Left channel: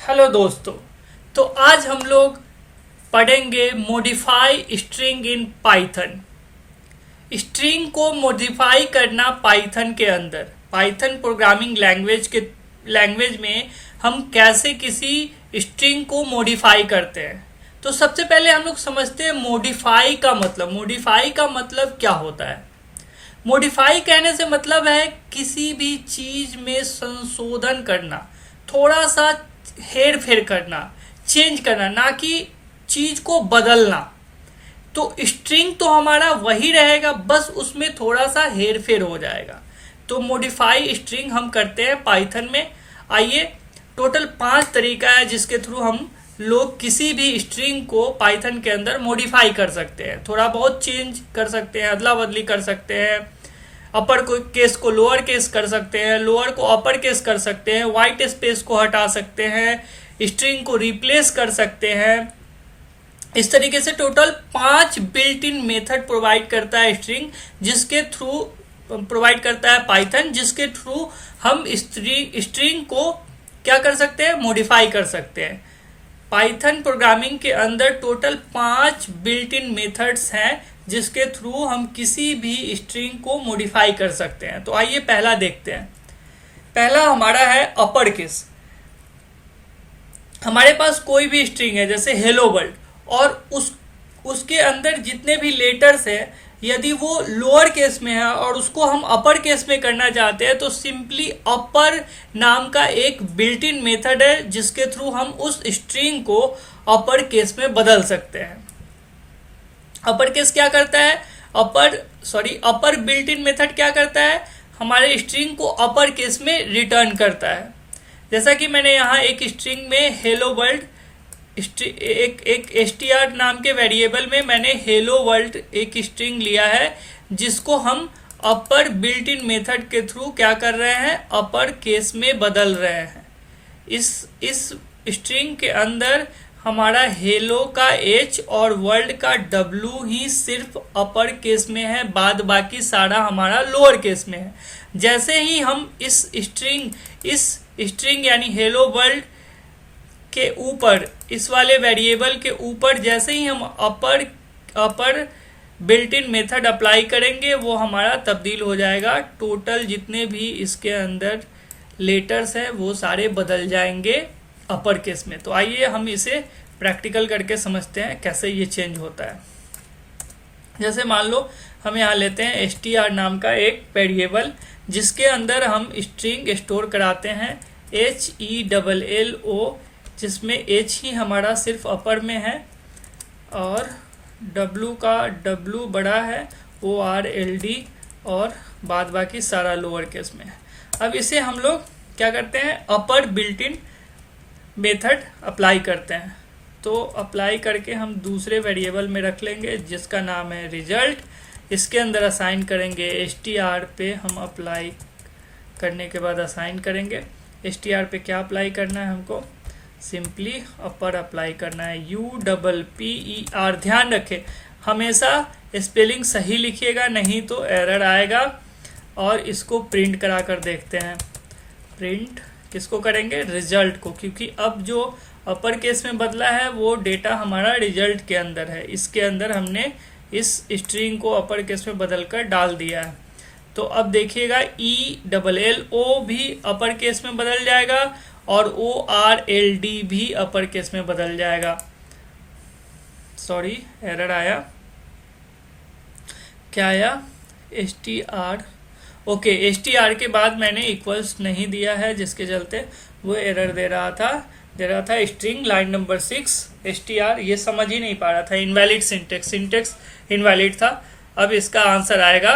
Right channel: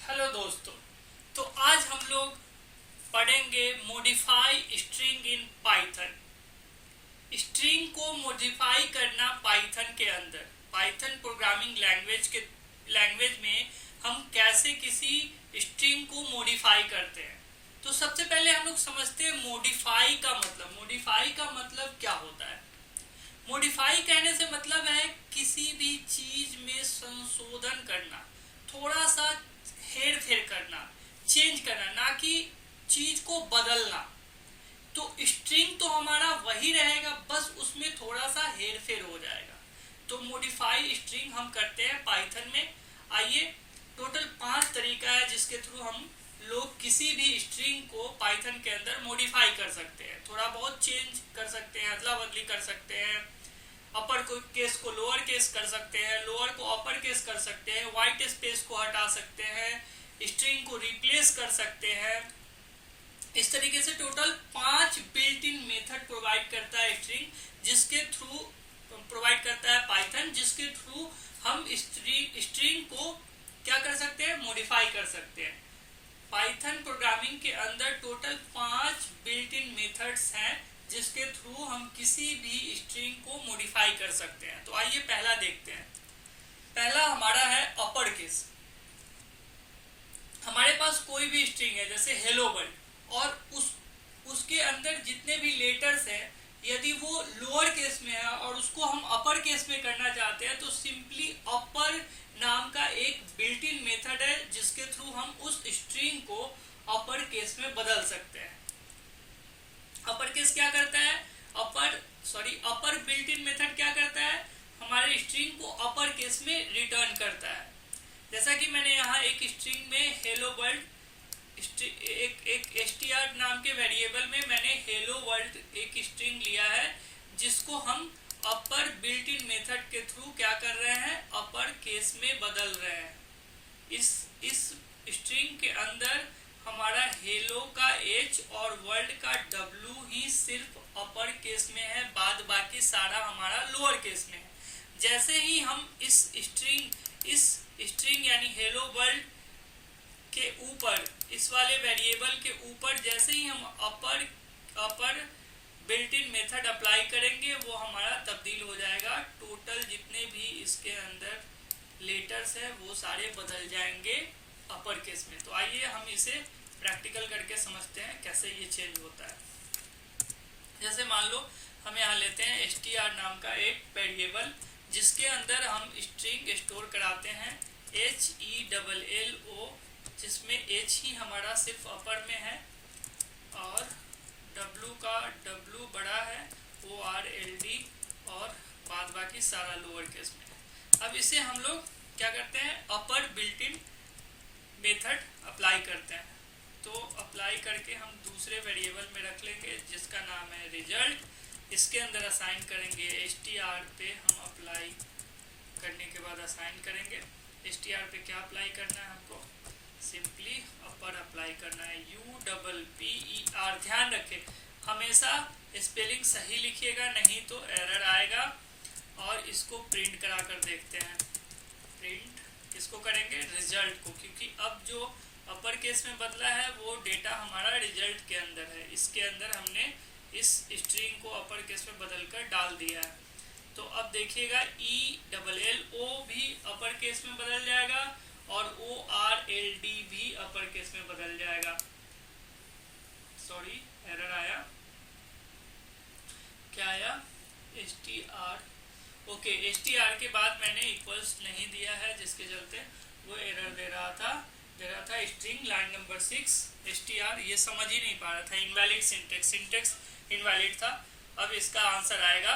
Hello दोस्तों। तो आज हम लोग पढ़ेंगे modify string in Python. String को मॉडिफाई करना पाइथन के अंदर, पाइथन प्रोग्रामिंग लैंग्वेज में हम कैसे किसी स्ट्रिंग को मॉडिफाई करते हैं। तो सबसे पहले हम लोग समझते हैं मॉडिफाई का मतलब। मॉडिफाई का मतलब क्या होता है? मॉडिफाई कहने से मतलब है किसी भी चीज में संशोधन करना, थोड़ा सा हेर फेर करना, चेंज करना, ना कि चीज को बदलना। तो स्ट्रिंग तो हमारा वही रहेगा, बस उसमें थोड़ा सा हेर फेर हो जाएगा। तो मॉडिफाई स्ट्रिंग हम करते हैं पाइथन में। आइए, टोटल 5 तरीका है जिसके थ्रू हम लोग किसी भी स्ट्रिंग को पाइथन के अंदर मॉडिफाई कर सकते हैं, थोड़ा बहुत चेंज कर सकते हैं, अदला बदली कर सकते हैं। अपर को केस को लोअर केस कर सकते हैं, लोअर को अपर केस कर सकते हैं, वाइट स्पेस को हटा सकते हैं, स्ट्रिंग को रिप्लेस कर सकते हैं। इस तरीके से total 5 built in method provide करता है स्ट्रिंग, जिसके थ्रू प्रोवाइड करता है पाइथन, जिसके थ्रू हम स्ट्रिंग को क्या कर सकते हैं, मॉडिफाई कर सकते हैं। पाइथन प्रोग्रामिंग के अंदर टोटल 5 बिल्ट इन मेथड्स हैं जिसके थ्रू हम किसी भी स्ट्रिंग को मॉडिफाई कर सकते हैं। तो आइए पहला देखते हैं। पहला हमारा है अपर केस। हमारे पास कोई भी स्ट्रिंग है जैसे हेलो वर्ल्ड, और उसके अंदर जितने भी लेटर्स हैं, यदि वो लोअर केस में है और उसको हम अपर केस में करना चाहते हैं, तो सिंपली अपर नाम का एक बिल्ट इन मेथड है जिसके थ्रू हम उस स्ट्रिंग को अपर केस में बदल सकते हैं। अपर केस क्या करता है, अपर बिल्ट इन मेथड क्या करता है, हमारे स्ट्रिंग को अपर केस में रिटर्न करता है। जैसा कि मैंने यहाँ एक स्ट्रिंग में हेलो वर्ल्ड, एक str नाम के वेरिएबल में मैंने हेलो वर्ल्ड एक स्ट्रिंग लिया है, जिसको हम अपर बिल्ट इन मेथड के थ्रू क्या कर रहे हैं, अपर केस में बदल रहे हैं। इस स्ट्रिंग के अंदर हमारा हेलो का h और वर्ल्ड का w ही सिर्फ अपर केस में है, बाद बाकी सारा हमारा लोअर केस में है। जैसे ही हम इस स्ट्रिंग यानी हेलो वर्ल्ड के ऊपर, इस वाले वेरिएबल के ऊपर जैसे ही हम अपर बिल्ट इन मेथड अप्लाई करेंगे, वो हमारा तब्दील हो जाएगा। टोटल जितने भी इसके अंदर लेटर्स हैं वो सारे बदल जाएंगे अपर केस में। तो आइए हम इसे प्रैक्टिकल करके समझते हैं कैसे ये चेंज होता है। जैसे मान लो हम यहाँ लेते हैं str नाम का एक वेरिएबल, जिसके अंदर हम स्ट्रिंग स्टोर कराते हैं HELLO, जिसमें h ही हमारा सिर्फ अपर में है और w का w बड़ा है, ORLD, और बाद बाकी सारा लोअर केस में है। अब इसे हम लोग क्या करते हैं, अपर बिल्ट इन मेथड अप्लाई करते हैं। तो अप्लाई करके हम दूसरे वेरिएबल में रख लेंगे जिसका नाम है रिजल्ट। इसके अंदर असाइन करेंगे str पे, हम अप्लाई करने के बाद असाइन करेंगे str पे। क्या अप्लाई करना है, हमको सिंपली अपर अप्लाई करना है, UPPER। ध्यान रखें हमेशा स्पेलिंग सही लिखिएगा, नहीं तो एरर आएगा। और इसको प्रिंट करा कर देखते हैं। प्रिंट किसको करेंगे, रिजल्ट को, क्योंकि अब जो अपर केस में बदला है वो डेटा हमारा रिजल्ट के अंदर है। इसके अंदर हमने इस स्ट्रिंग को अपर केस में बदल कर डाल दिया है। तो अब देखिएगा ELLO भी अपर केस में बदल जाएगा और ORLD भी अपर केस में बदल जाएगा। सॉरी, एरर आया। क्या आया, str। ओके, str के बाद मैंने इक्वल्स नहीं दिया है, जिसके चलते वो एरर दे रहा था स्ट्रिंग लाइन नंबर 6 str। ये समझ ही नहीं पा रहा था, इनवैलिड सिंटेक्स इनवैलिड था। अब इसका आंसर आएगा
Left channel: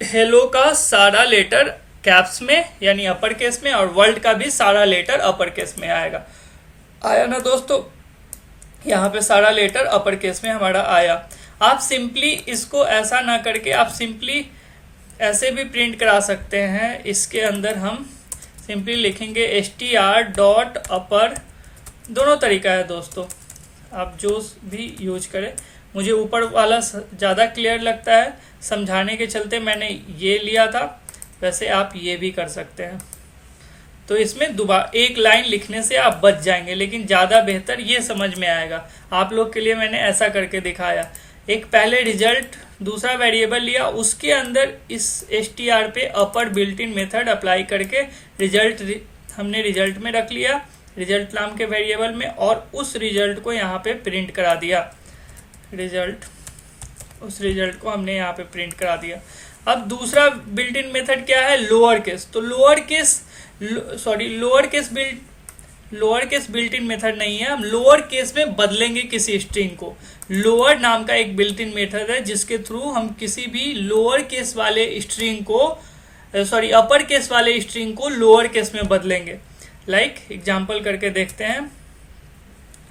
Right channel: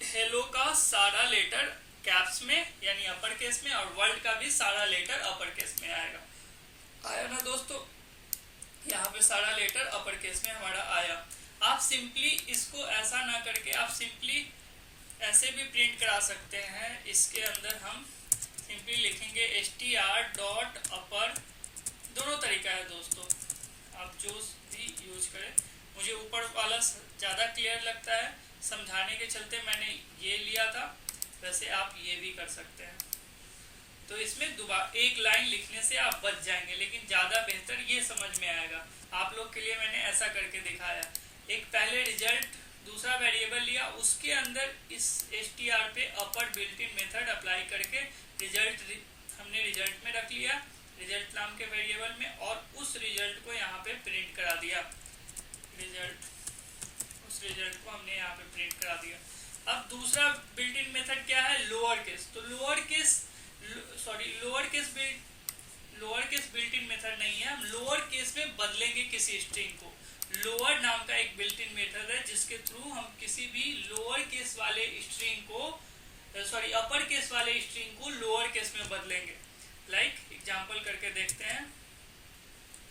हेलो का सारा लेटर कैप्स में यानी अपर केस में, और वर्ल्ड का भी सारा लेटर अपर केस में आएगा। आया ना दोस्तों, यहाँ पे सारा लेटर अपर केस में हमारा आया। आप सिंपली इसको ऐसा ना करके आप सिंपली ऐसे भी प्रिंट करा सकते हैं। इसके अंदर हम सिंपली लिखेंगे str.upper। दोनों तरीका है दोस्तों, आप जो भी यूज करें। मुझे ऊपर वाला ज़्यादा क्लियर लगता है, समझाने के चलते मैंने ये लिया था, वैसे आप ये भी कर सकते हैं। तो इसमें दोबारा एक लाइन लिखने से आप बच जाएंगे, लेकिन ज़्यादा बेहतर ये समझ में आएगा। आप लोग के लिए मैंने ऐसा करके दिखाया। एक पहले रिजल्ट दूसरा वेरिएबल लिया, उसके अंदर इस str पे अपर बिल्ट इन मेथड अप्लाई करके हमने रिजल्ट में रख लिया, रिजल्ट नाम के वेरिएबल में, और उस रिजल्ट को यहाँ पे प्रिंट करा दिया। उस रिजल्ट को हमने यहाँ पे प्रिंट करा दिया। अब दूसरा बिल्ट इन मेथड क्या है, लोअर केस। तो lower case built in method नहीं है, हम लोअर केस में बदलेंगे किसी स्ट्रिंग को। लोअर नाम का एक बिल्ट इन मेथड है जिसके थ्रू हम किसी भी लोअर केस वाले स्ट्रिंग को अपर केस वाले स्ट्रिंग को लोअर केस में बदलेंगे। लाइक एग्जांपल करके देखते हैं।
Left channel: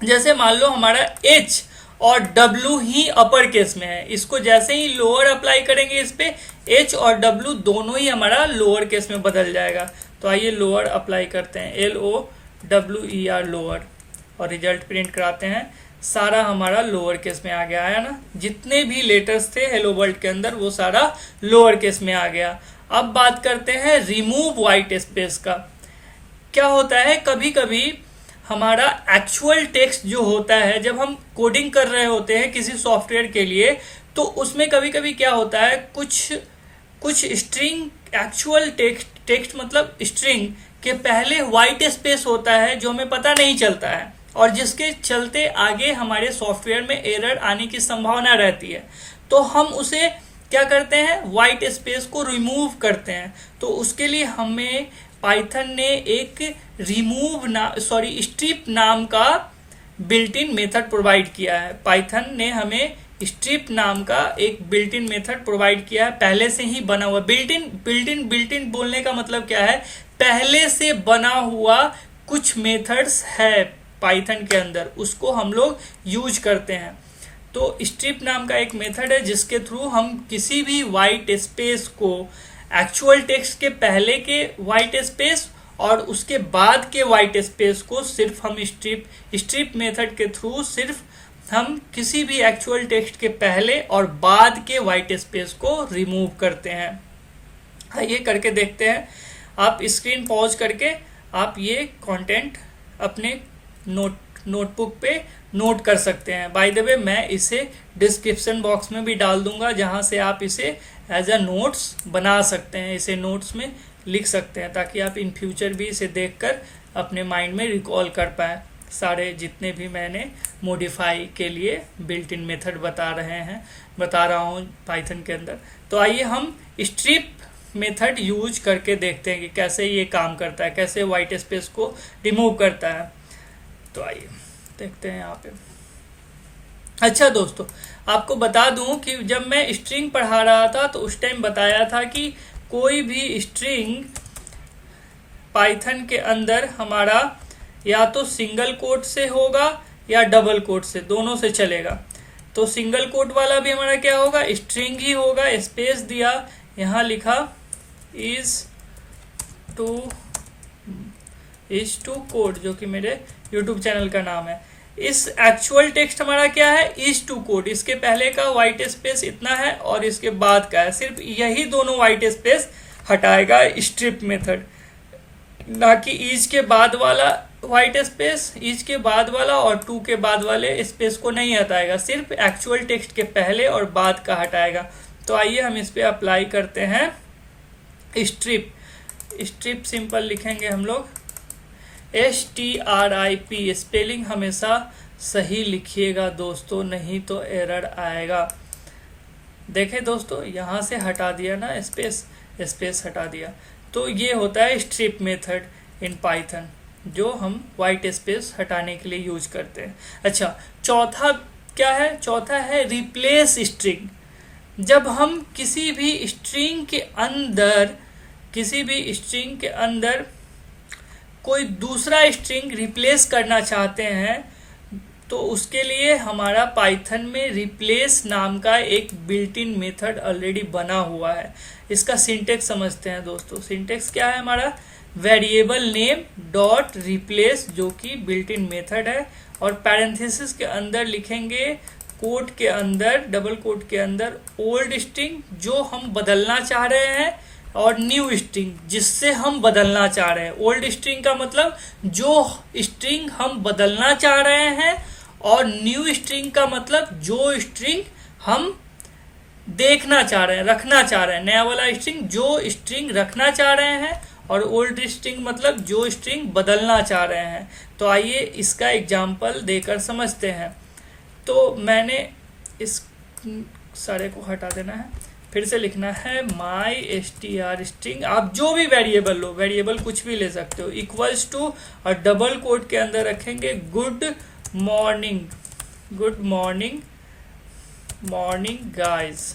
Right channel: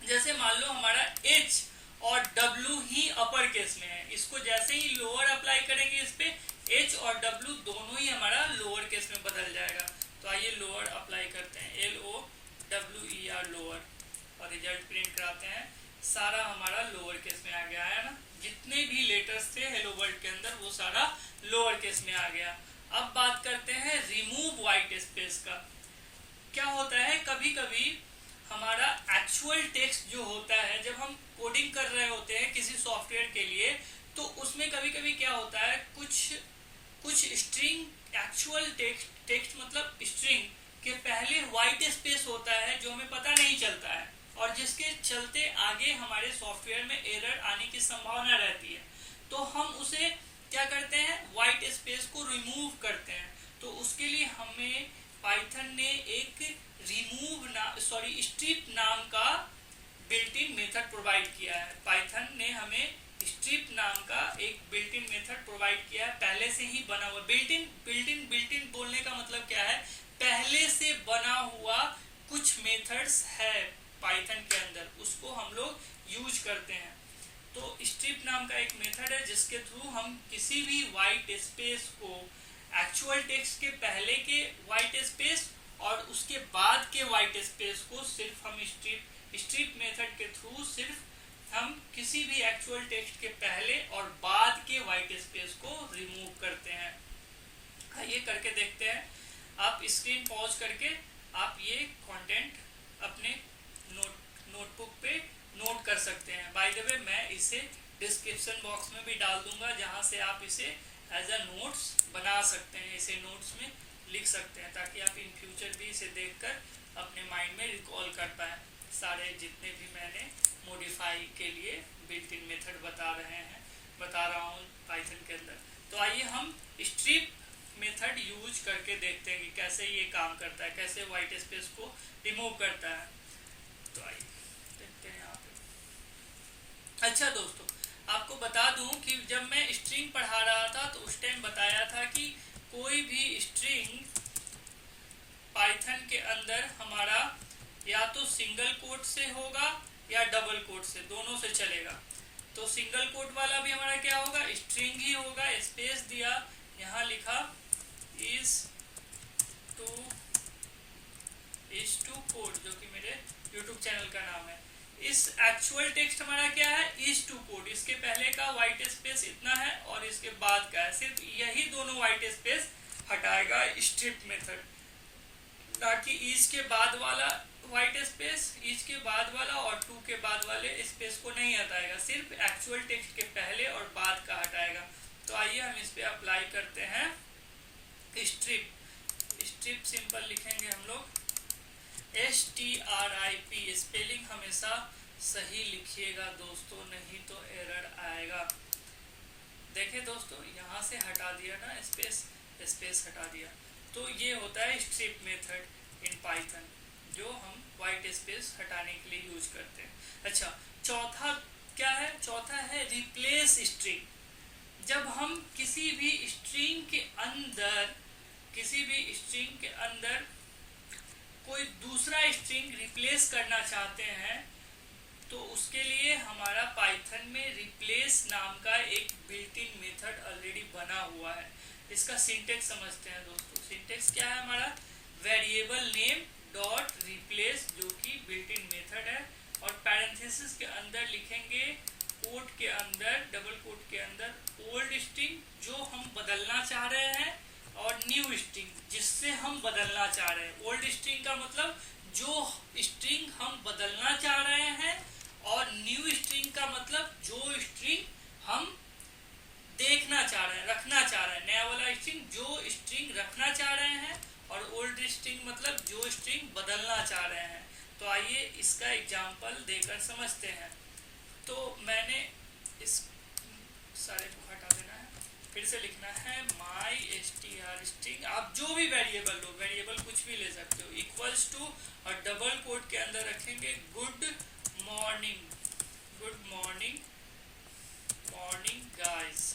जैसे मान लो हमारा H और W ही अपर केस में है, इसको जैसे ही लोअर अप्लाई करेंगे इस पे H और W दोनों ही हमारा लोअर केस में बदल जाएगा। तो आइए लोअर अप्लाई करते हैं, LOWER लोअर, और रिजल्ट प्रिंट कराते हैं। सारा हमारा लोअर केस में आ गया है ना, जितने भी लेटर्स थे हेलो वर्ल्ड के अंदर वो सारा लोअर केस में आ गया। अब बात करते हैं रिमूव वाइट स्पेस का। क्या होता है, कभी कभी हमारा एक्चुअल टेक्स्ट जो होता है, जब हम कोडिंग कर रहे होते हैं किसी सॉफ्टवेयर के लिए, तो उसमें कभी कभी क्या होता है, कुछ स्ट्रिंग एक्चुअल टेक्स्ट मतलब स्ट्रिंग के पहले वाइट स्पेस होता है जो हमें पता नहीं चलता है, और जिसके चलते आगे हमारे सॉफ्टवेयर में एरर आने की संभावना रहती है। तो हम उसे क्या करते हैं, वाइट स्पेस को रिमूव करते हैं। तो उसके लिए हमें पाइथन ने एक स्ट्रिप नाम का बिल्ट इन मेथड प्रोवाइड किया है। पाइथन ने हमें स्ट्रिप नाम का एक बिल्ट इन मेथड प्रोवाइड किया है, पहले से ही बना हुआ। बिल्ट इन बोलने का मतलब क्या है, पहले से बना हुआ कुछ मेथड्स है पाइथन के अंदर, उसको हम लोग यूज करते हैं। तो स्ट्रिप नाम का एक मेथड है जिसके थ्रू हम किसी भी वाइट स्पेस को, एक्चुअल टेक्स्ट के पहले के वाइट स्पेस और उसके बाद के वाइट स्पेस को सिर्फ हम स्ट्रिप मेथड के थ्रू सिर्फ हम किसी भी एक्चुअल टेक्स्ट के पहले और बाद के वाइट स्पेस को रिमूव करते हैं। आइए करके देखते हैं। आप स्क्रीन पॉज करके आप ये कंटेंट अपने नोटबुक पे नोट कर सकते हैं। बाय द वे मैं इसे डिस्क्रिप्शन बॉक्स में भी डाल दूंगा, जहां से आप इसे एज अ नोट्स बना सकते हैं, इसे नोट्स में लिख सकते हैं, ताकि आप इन फ्यूचर भी इसे देखकर अपने माइंड में रिकॉल कर पाएँ सारे जितने भी मैंने मॉडिफाई के लिए बिल्ट इन मेथड बता रहा हूँ पाइथन के अंदर। तो आइए हम स्ट्रिप मेथड यूज करके देखते हैं कि कैसे ये काम करता है, कैसे वाइट स्पेस को रिमूव करता है। तो आइए देखते हैं यहाँ पे। अच्छा दोस्तों, आपको बता दूं कि जब मैं स्ट्रिंग पढ़ा रहा था तो उस टाइम बताया था कि कोई भी स्ट्रिंग पाइथन के अंदर हमारा या तो सिंगल कोट से होगा या डबल कोट से, दोनों से चलेगा। तो सिंगल कोट वाला भी हमारा क्या होगा, स्ट्रिंग ही होगा। स्पेस दिया, यहाँ लिखा इज टू कोड, जो कि मेरे यूट्यूब चैनल का नाम है। इस एक्चुअल टेक्स्ट हमारा क्या है, इज टू कोड, इसके पहले का वाइट स्पेस इतना है और इसके बाद का है, सिर्फ यही दोनों वाइट स्पेस हटाएगा स्ट्रिप मेथड, ना कि इज के बाद वाला वाइट स्पेस, इज के बाद वाला और टू के बाद वाले स्पेस को नहीं हटाएगा, सिर्फ एक्चुअल टेक्स्ट के पहले और बाद का हटाएगा। तो आइए हम इस पे अप्लाई करते हैं स्ट्रिप सिंपल लिखेंगे हम लोग STRIP। स्पेलिंग हमेशा सही लिखिएगा दोस्तों, नहीं तो एरर आएगा। देखें दोस्तों, यहाँ से हटा दिया ना स्पेस हटा दिया। तो ये होता है स्ट्रिप मेथड इन पाइथन, जो हम वाइट स्पेस हटाने के लिए यूज करते हैं। अच्छा, चौथा क्या है, चौथा है रिप्लेस स्ट्रिंग। जब हम किसी भी स्ट्रिंग के अंदर कोई दूसरा स्ट्रिंग रिप्लेस करना चाहते हैं, तो उसके लिए हमारा पाइथन में रिप्लेस नाम का एक बिल्ट इन मेथड ऑलरेडी बना हुआ है। इसका सिंटेक्स समझते हैं दोस्तों। सिंटेक्स क्या है हमारा, वेरिएबल नेम डॉट रिप्लेस, जो कि बिल्ट इन मेथड है, और पैरेंथेसिस के अंदर लिखेंगे कोट के अंदर, डबल कोट के अंदर ओल्ड स्ट्रिंग जो हम बदलना चाह रहे हैं और न्यू स्ट्रिंग जिससे हम बदलना चाह रहे हैं। ओल्ड स्ट्रिंग का मतलब जो स्ट्रिंग हम बदलना चाह रहे हैं, और न्यू स्ट्रिंग का मतलब जो स्ट्रिंग हम देखना चाह रहे हैं, रखना चाह रहे हैं। नया वाला स्ट्रिंग जो स्ट्रिंग रखना चाह रहे हैं, और ओल्ड स्ट्रिंग मतलब जो स्ट्रिंग बदलना चाह रहे हैं। तो आइए इसका एग्जाम्पल देकर समझते हैं। तो मैंने इस सारे को हटा देना है, फिर से लिखना है माई str स्ट्रिंग। आप जो भी वेरिएबल लो, वेरिएबल कुछ भी ले सकते हो, इक्वल्स टू और डबल कोट के अंदर रखेंगे good morning, good morning, morning guys,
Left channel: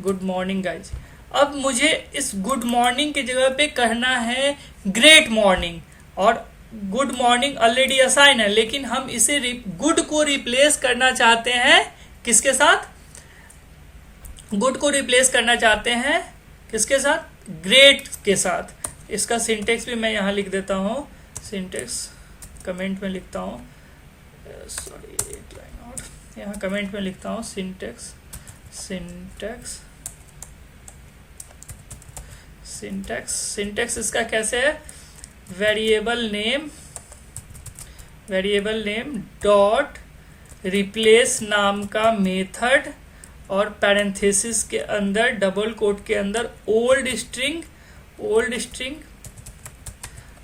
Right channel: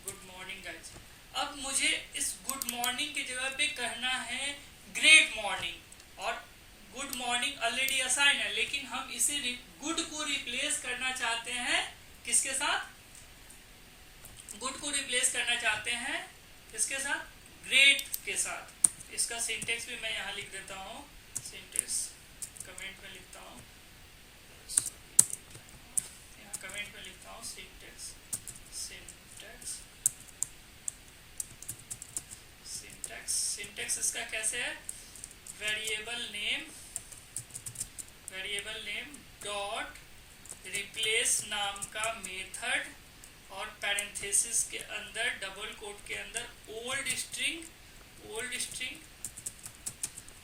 good morning guys. अब मुझे इस गुड मॉर्निंग की जगह पे कहना है ग्रेट मॉर्निंग, और गुड मॉर्निंग ऑलरेडी असाइन है, लेकिन हम इसे गुड को रिप्लेस करना चाहते हैं किसके साथ? गुड को रिप्लेस करना चाहते हैं किसके साथ? ग्रेट के साथ। इसका सिंटेक्स भी मैं यहाँ लिख देता हूँ, सिंटेक्स कमेंट में लिखता हूँ, सॉरी एक लाइन और यहाँ कमेंट में लिखता हूँ, सिंटेक्स, सिंटेक्स, सिंटेक्स, सिंटेक्स इसका कैसे है? Variable name, variable name dot replace नाम का मेथड, और पैरेंथेसिस के अंदर डबल कोट के अंदर ओल्ड स्ट्रिंग, ओल्ड स्ट्रिंग,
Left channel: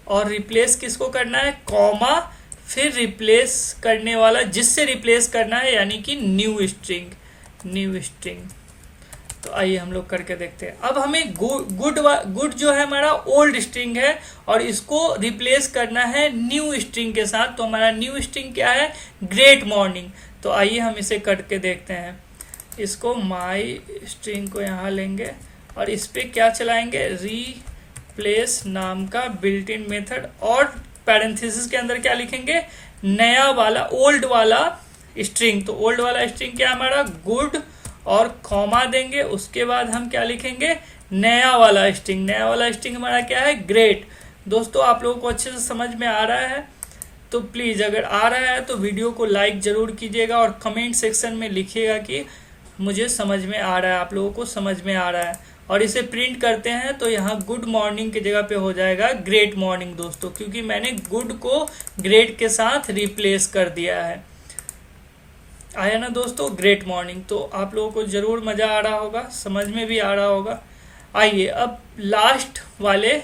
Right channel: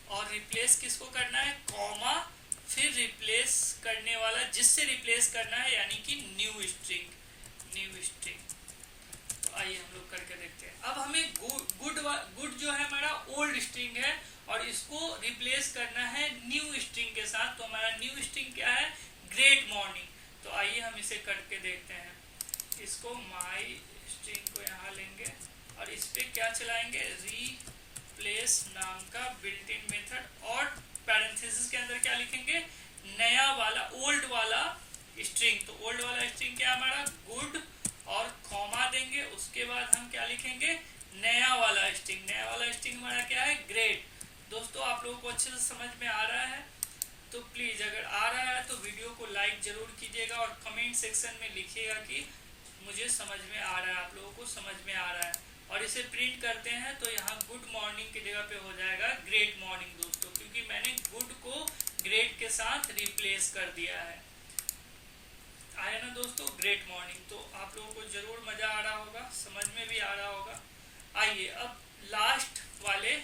और रिप्लेस किसको करना है? कॉमा, फिर रिप्लेस करने वाला जिससे रिप्लेस करना है, यानी कि न्यू स्ट्रिंग, न्यू स्ट्रिंग। तो आइए हम लोग करके देखते हैं। अब हमें गुड जो है हमारा ओल्ड स्ट्रिंग है, और इसको रिप्लेस करना है न्यू स्ट्रिंग के साथ। तो हमारा न्यू स्ट्रिंग क्या है? Great morning. तो आइए हम इसे करके देखते हैं। इसको माई स्ट्रिंग को यहाँ लेंगे और इस पर क्या चलाएंगे? रिप्लेस नाम का बिल्ट इन मेथड, और पैरेंथेसिस के अंदर क्या लिखेंगे? नया वाला, ओल्ड वाला स्ट्रिंग। तो ओल्ड वाला स्ट्रिंग क्या हमारा? गुड, और कॉमा देंगे। उसके बाद हम क्या लिखेंगे? नया वाला स्ट्रिंग। नया वाला स्ट्रिंग हमारा क्या है? ग्रेट। दोस्तों आप लोगों को अच्छे से समझ में आ रहा है? तो प्लीज़ अगर आ रहा है तो वीडियो को लाइक ज़रूर कीजिएगा, और कमेंट सेक्शन में लिखिएगा कि मुझे समझ में आ रहा है, आप लोगों को समझ में आ रहा है। और इसे प्रिंट करते हैं तो यहाँ गुड मॉर्निंग की जगह पे हो जाएगा ग्रेट मॉर्निंग दोस्तों, क्योंकि मैंने गुड को ग्रेट के साथ रिप्लेस कर दिया है। आया ना दोस्तों? Great morning. तो आप लोगों को ज़रूर मज़ा आ रहा होगा, समझ में भी आ रहा होगा। आइए अब लास्ट वाले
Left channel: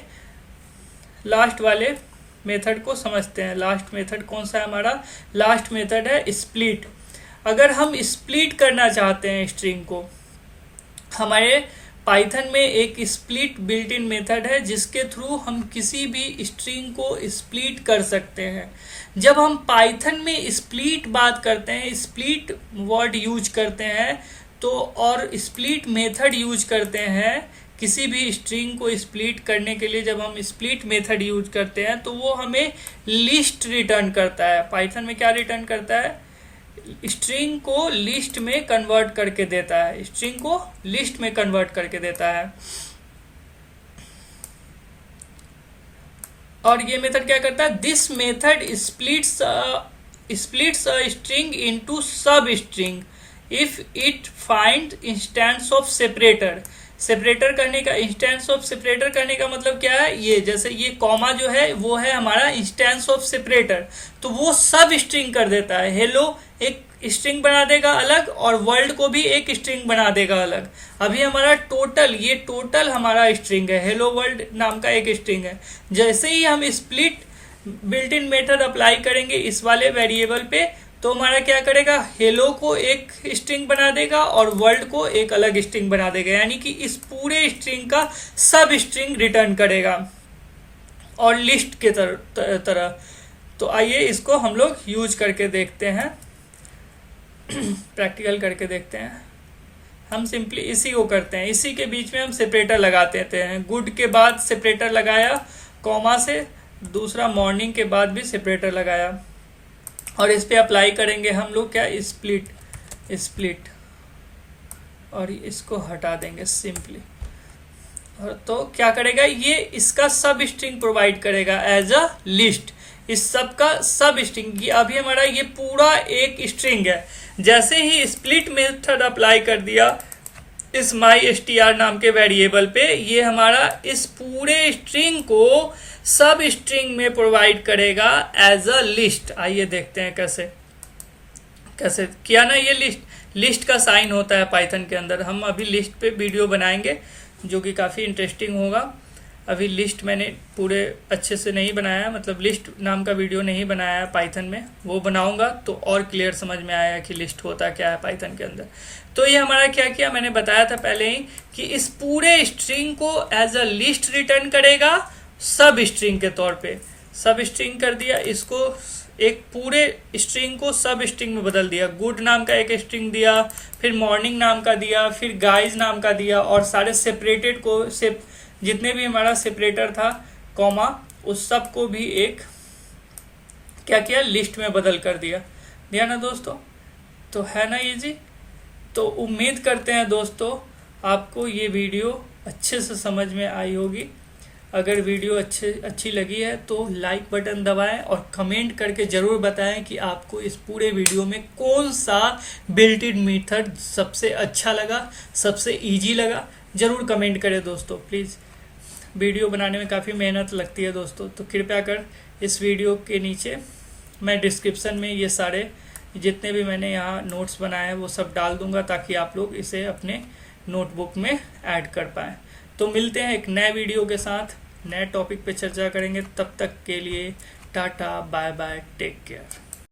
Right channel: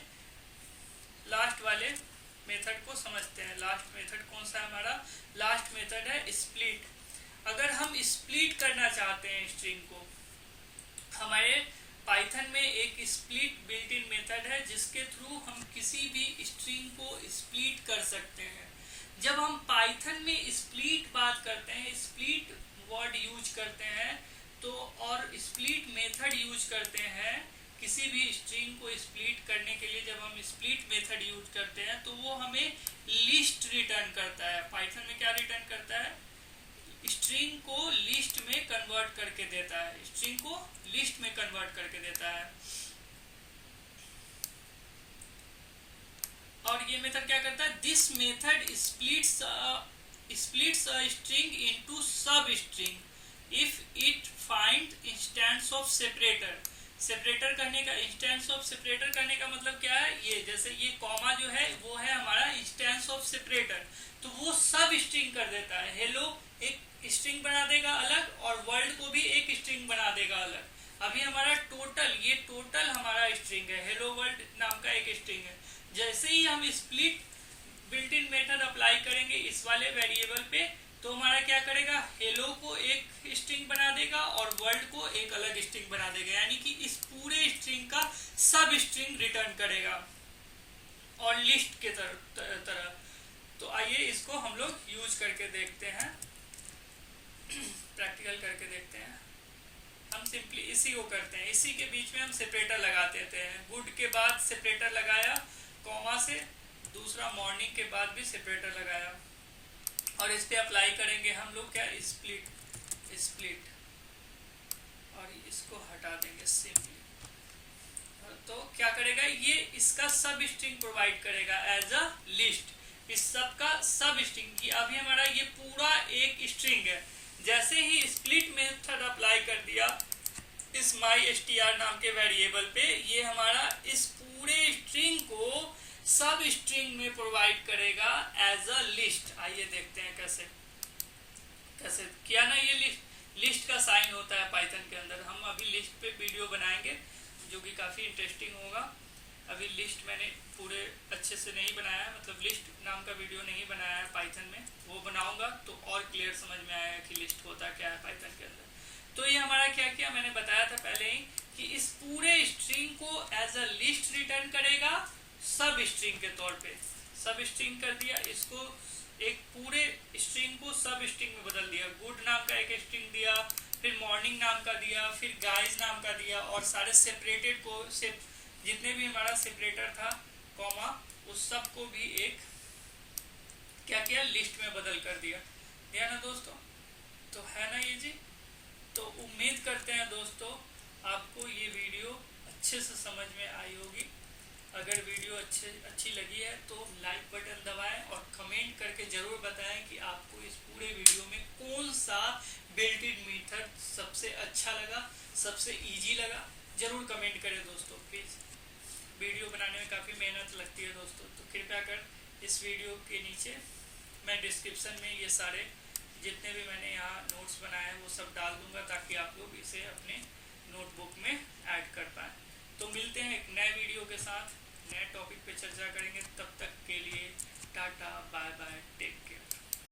मेथड को समझते हैं। लास्ट मेथड कौन सा है हमारा? लास्ट मेथड है स्प्लिट। अगर हम स्प्लिट करना चाहते हैं स्ट्रिंग को, हमारे पाइथन में एक स्प्लिट बिल्ट इन मेथड है जिसके थ्रू हम किसी भी स्ट्रिंग को स्प्लिट कर सकते हैं। जब हम पाइथन में स्प्लिट बात करते हैं, स्प्लिट वर्ड यूज करते हैं, तो और स्प्लिट मेथड यूज करते हैं किसी भी स्ट्रिंग को स्प्लिट करने के लिए, जब हम स्प्लिट मेथड यूज करते हैं तो वो हमें लिस्ट रिटर्न करता है। पाइथन में क्या रिटर्न करता है? स्ट्रिंग को लिस्ट में कन्वर्ट करके देता है, स्ट्रिंग को लिस्ट में कन्वर्ट करके देता है। और ये मेथड क्या करता है? This method splits a string into सब string if it find instance of separator. Separator करने का, इंस्टेंस ऑफ सेपरेटर करने का मतलब क्या है? ये जैसे ये कॉमा जो है वो है हमारा इंस्टेंस ऑफ सेपरेटर, तो वो सब स्ट्रिंग कर देता है। हेलो एक स्ट्रिंग बना देगा अलग, और वर्ल्ड को भी एक स्ट्रिंग बना देगा अलग। अभी हमारा टोटल, ये टोटल हमारा स्ट्रिंग है, हेलो वर्ल्ड नाम का एक स्ट्रिंग है। जैसे ही हम split built in method apply करेंगे इस वाले वेरिएबल पे, तो हमारा क्या करेगा? हेलो को एक स्ट्रिंग बना देगा और वर्ल्ड को एक अलग स्ट्रिंग बना देगा, यानी कि इस पूरे स्ट्रिंग का सब स्ट्रिंग रिटर्न करेगा, और लिस्ट के तरह। तो आइए इसको हम लोग यूज करके देखते हैं, प्रैक्टिकल करके देखते हैं। हम सिंपली इसी को करते हैं, इसी के बीच में हम सेपरेटर लगा देते हैं। गुड के बाद सेपरेटर लगाया कॉमा से, दूसरा मॉर्निंग के बाद भी सेपरेटर लगाया, और इस पे अप्लाई करेंगे हम लोग क्या? स्प्लिट, और इसको हटा देंगे सिंपली। और तो क्या करेगा ये? इसका सब स्ट्रिंग प्रोवाइड करेगा एज अ लिस्ट, इस सब का सब स्ट्रिंग। ये अभी हमारा ये पूरा एक स्ट्रिंग है। जैसे ही स्प्लिट मेथड अप्लाई कर दिया इस माई str नाम के वेरिएबल पे ये हमारा इस पूरे स्ट्रिंग को सब स्ट्रिंग में प्रोवाइड करेगा एज अ लिस्ट। आइए देखते हैं कैसे कैसे किया ना। ये लिस्ट का साइन होता है पाइथन के अंदर। हम अभी लिस्ट पे वीडियो बनाएंगे जो कि काफ़ी इंटरेस्टिंग होगा। अभी लिस्ट मैंने पूरे अच्छे से नहीं बनाया है, मतलब लिस्ट नाम का वीडियो नहीं बनाया है पाइथन में, वो बनाऊंगा तो और क्लियर समझ में आएगा कि लिस्ट होता क्या है पाइथन के अंदर। तो ये हमारा क्या किया, मैंने बताया था पहले ही कि इस पूरे स्ट्रिंग को एज अ लिस्ट रिटर्न करेगा सब स्ट्रिंग के तौर पे। सब स्ट्रिंग कर दिया, इसको एक पूरे स्ट्रिंग को सब स्ट्रिंग में बदल दिया। गुड नाम का एक स्ट्रिंग दिया, फिर मॉर्निंग नाम का दिया, फिर गाइज नाम का दिया, और सारे सेपरेटेड को जितने भी हमारा सेपरेटर था कॉमा उस सब को भी एक क्या किया, लिस्ट में बदल कर दिया ना दोस्तों। तो है ना ये जी। तो उम्मीद करते हैं दोस्तों आपको ये वीडियो अच्छे से समझ में आई होगी। अगर वीडियो अच्छी लगी है तो लाइक बटन दबाएं और कमेंट करके ज़रूर बताएं कि आपको इस पूरे वीडियो में कौन सा बिल्ट इन मेथड सबसे अच्छा लगा, सबसे इजी लगा। ज़रूर कमेंट करें दोस्तों प्लीज़। वीडियो बनाने में काफ़ी मेहनत लगती है दोस्तों, तो कृपया कर इस वीडियो के नीचे मैं डिस्क्रिप्शन में ये सारे जितने भी मैंने यहाँ नोट्स बनाए हैं वो सब डाल दूँगा ताकि आप लोग इसे अपने नोटबुक में ऐड कर पाएँ। तो मिलते हैं एक नए वीडियो के साथ, नए टॉपिक पे चर्चा करेंगे। तब तक के लिए tata bye bye, take care.